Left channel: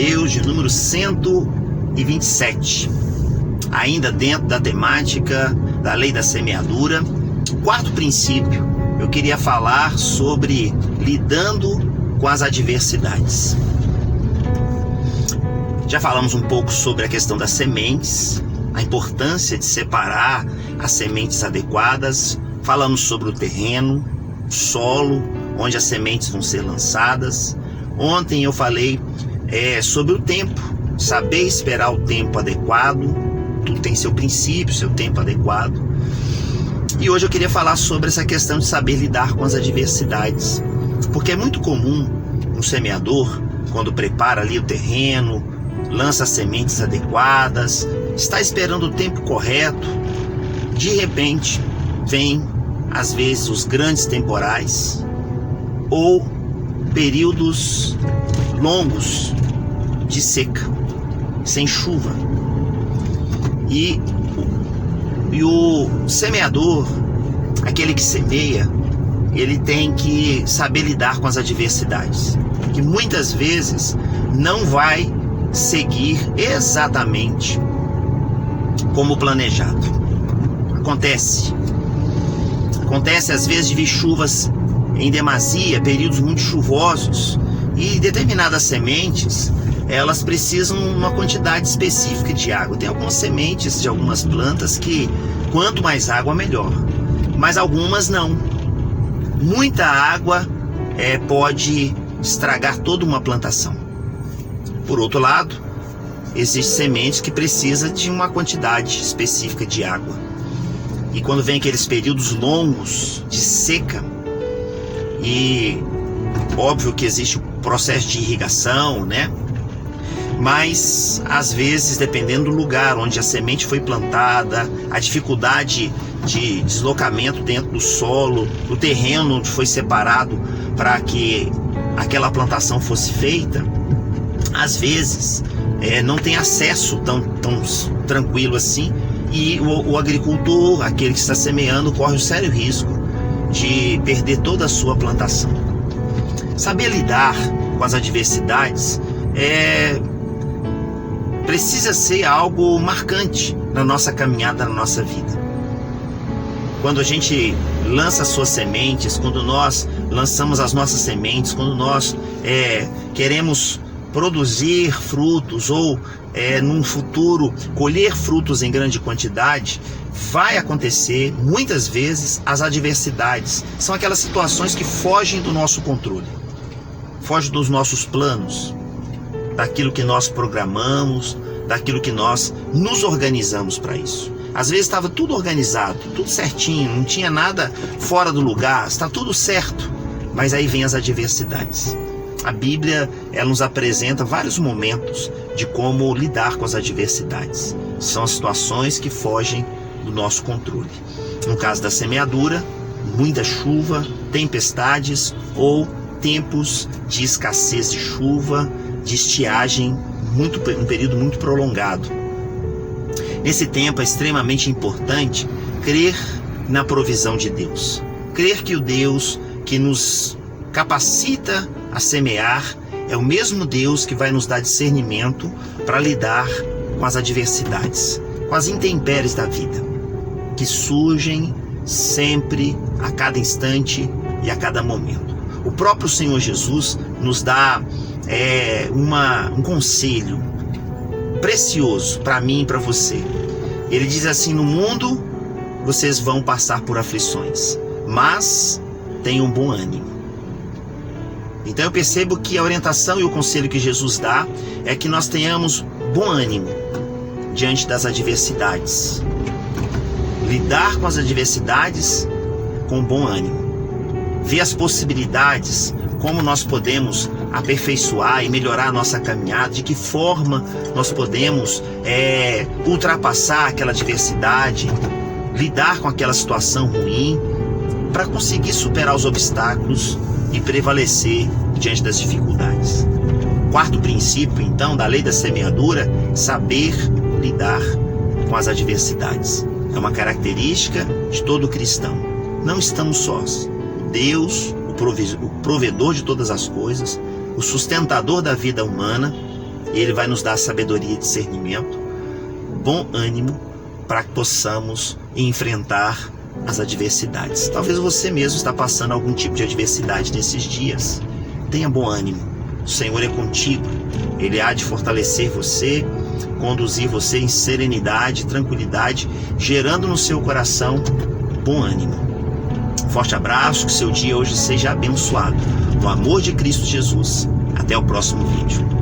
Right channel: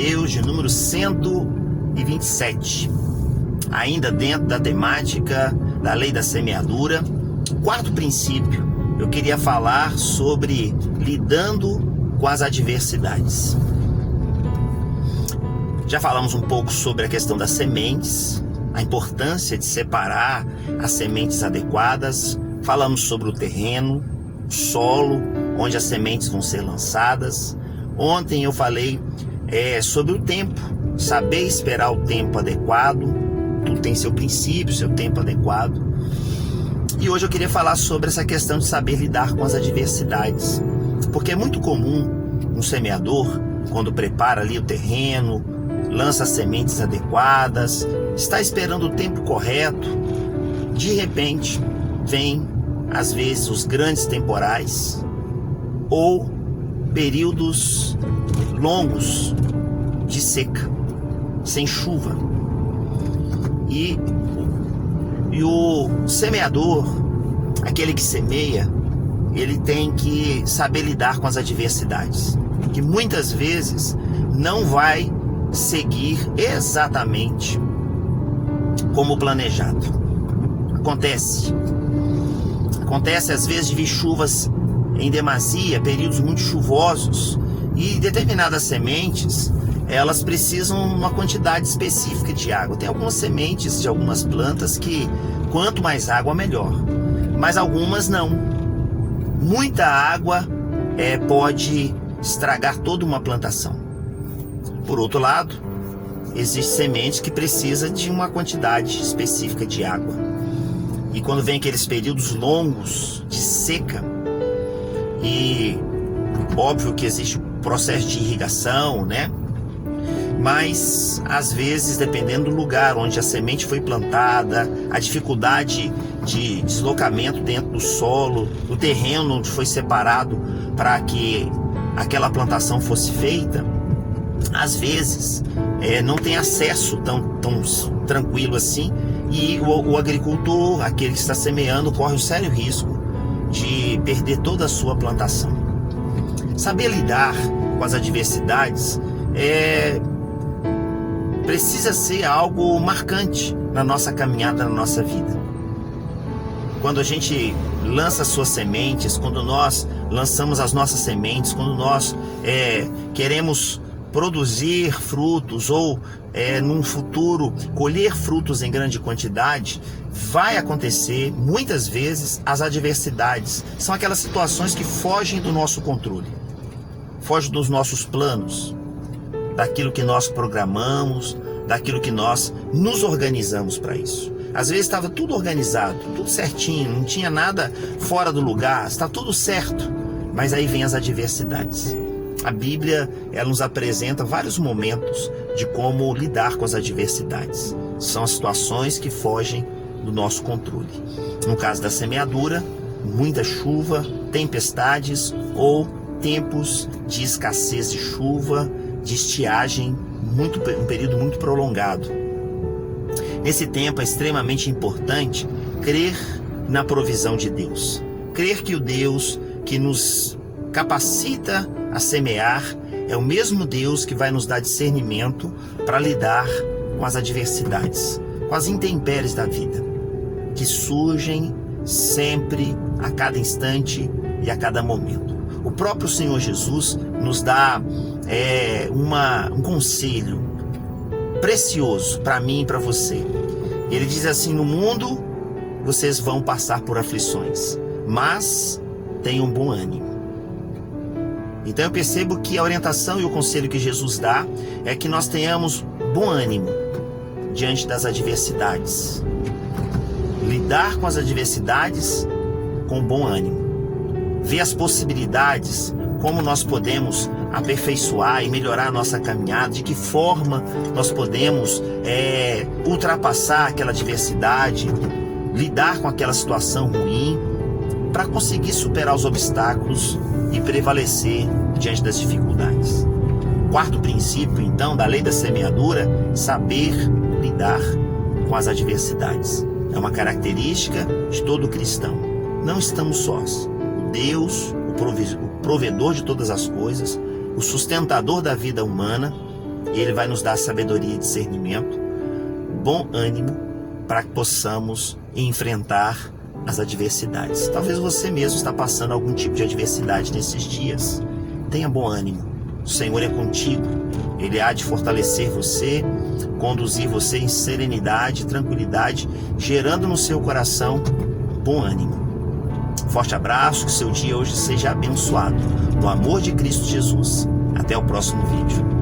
Deus de número 127. Ainda dentro da temática da lei da semeadura, o quarto princípio, eu queria falar sobre lidando com as adversidades. Já falamos um pouco sobre a questão das sementes, a importância de separar as sementes adequadas. Falamos sobre o terreno, o solo, onde as sementes vão ser lançadas. Ontem eu falei sobre o tempo, saber esperar o tempo adequado. Tudo tem seu princípio, seu tempo adequado. E hoje eu queria falar sobre essa questão de saber lidar com as adversidades. Porque é muito comum um semeador, quando prepara ali o terreno, lança as sementes adequadas, está esperando o tempo correto, de repente vem, às vezes, os grandes temporais ou períodos longos de seca, sem chuva. E o semeador, aquele que semeia, ele tem que saber lidar com as adversidades, que muitas vezes não vai seguir exatamente como planejado. Acontece às vezes de vir chuvas em demasia, períodos muito chuvosos, e determinadas sementes, elas precisam de uma quantidade específica de água. Tem algumas sementes de algumas plantas que quanto mais água melhor, mas algumas não. Muita água pode estragar toda uma plantação. Por outro lado, existem sementes que precisam de uma quantidade específica de água. E quando vem aqueles períodos longos de seca, e óbvio que existe o processo de irrigação, né? Mas às vezes, dependendo do lugar onde a semente foi plantada, a dificuldade de deslocamento dentro do solo, do terreno onde foi separado para que aquela plantação fosse feita, às vezes não tem acesso tão tranquilo assim, e o agricultor, aquele que está semeando, corre o sério risco de perder toda a sua plantação. Saber lidar com as adversidades precisa ser algo marcante na nossa caminhada, na nossa vida. Quando a gente lança as suas sementes, quando nós lançamos as nossas sementes, quando nós queremos produzir frutos ou num futuro colher frutos em grande quantidade, vai acontecer muitas vezes as adversidades. São aquelas situações que fogem do nosso controle, fogem dos nossos planos, daquilo que nós programamos, daquilo que nós nos organizamos para isso. Às vezes estava tudo organizado, tudo certinho, não tinha nada fora do lugar, está tudo certo, mas aí vem as adversidades. A Bíblia, ela nos apresenta vários momentos de como lidar com as adversidades. São as situações que fogem do nosso controle. No caso da semeadura, muita chuva, tempestades ou tempos de escassez de chuva, de estiagem, um período muito prolongado. Nesse tempo é extremamente importante crer na provisão de Deus. Crer que o Deus que nos capacita a semear é o mesmo Deus que vai nos dar discernimento para lidar com as adversidades, com as intempéries da vida, que surgem sempre, a cada instante e a cada momento. O próprio Senhor Jesus nos dá um conselho precioso para mim e para você. Ele diz assim: no mundo vocês vão passar por aflições, mas tenham bom ânimo. Então eu percebo que a orientação e o conselho que Jesus dá é que nós tenhamos bom ânimo diante das adversidades. Lidar com as adversidades com bom ânimo. Ver as possibilidades, como nós podemos aperfeiçoar e melhorar a nossa caminhada, de que forma nós podemos ultrapassar aquela adversidade, lidar com aquela situação ruim, para conseguir superar os obstáculos e prevalecer diante das dificuldades. Quarto princípio, então, da lei da semeadura: saber lidar com as adversidades. É uma característica de todo cristão. Não estamos sós. Deus, o provedor de todas as coisas, o sustentador da vida humana, e Ele vai nos dar sabedoria e discernimento, bom ânimo, para que possamos enfrentar as adversidades. Talvez você mesmo está passando algum tipo de adversidade nesses dias. Tenha bom ânimo. O Senhor é contigo. Ele há de fortalecer você, conduzir você em serenidade, tranquilidade, gerando no seu coração bom ânimo. Forte abraço, que seu dia hoje seja abençoado. No amor de Cristo Jesus. Até o próximo vídeo.